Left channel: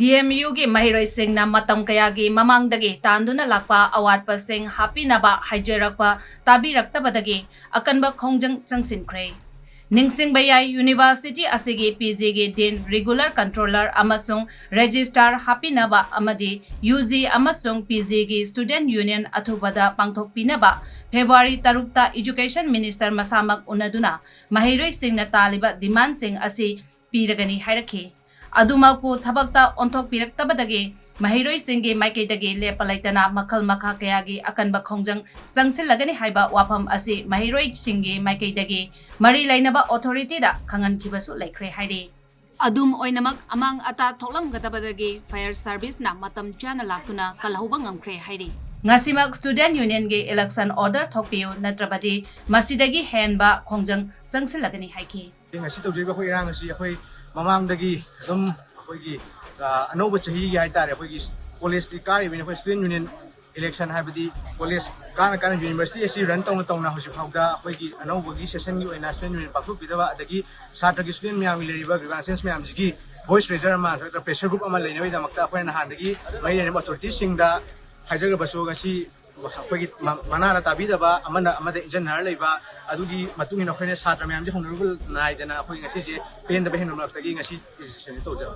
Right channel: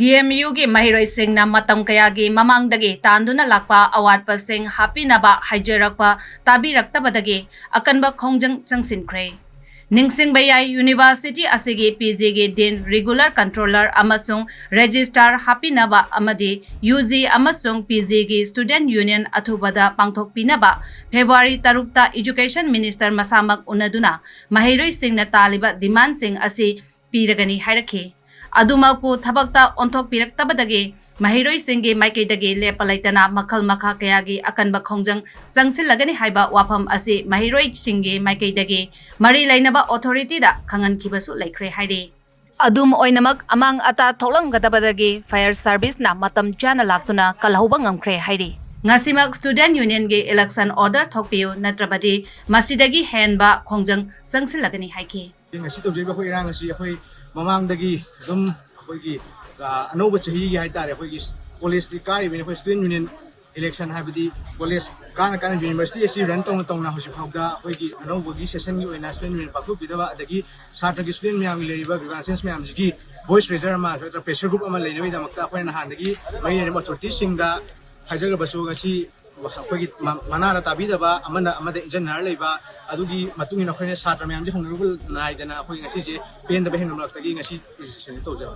DMU gi mahiroi singna matam kayagi mamangdagi Tanduna Lakpa Awatpasing hapinaba haijarakpa tabiraktabadagi akanba Khongjang Changsinkhre Ningsing Bayai University asigi PG gi din regular controller amasung registrar hapinaba amadi UG amasung PG gi student union athubada pangthokpinaba February 3 Education Minister masamak unaduna mahiroi singna taliba demand sing asi piragani hairaki Adumaku Thabakta Onthok Tabadagi mahiroi singi maikaidagi lepalaitana makal makha kayagi akanba Khongjang Changsinkhre haiba wafam asi mahiroi singi maikaidagi mari lainaba authority da khangan khibasu laikhre hairi adum oinamak amang ata tholam gadabadagi fire service na matam chana laktuna kalhauba ngamkhre hairi ngasimak student union ge election order thokpiu natrabadi masidagi henba Khongjang Changsinkhre haiki ngasi tawjeba khoi irang asi khoi mamangdagi dum akhoi anoba chahi gi haitare akhoi college kari bine khoi student union election habidi college kana university asi run tawna hoji phawda akhoi gi anoba gi session gi oina student union pakhu bidaba adagi satra gi student myam leriba grievances myam gi voice raiser ma pressure group ama leinawai damakta akhoi na handagi mai ne authority singda hajaga basu gasi akhoi gi manara tabidaba amada engineer leiba adugi matung ina khoine satra myam je honrable naidana akhoi ngasi je pen da behin namlak tagi ngasi decision to ja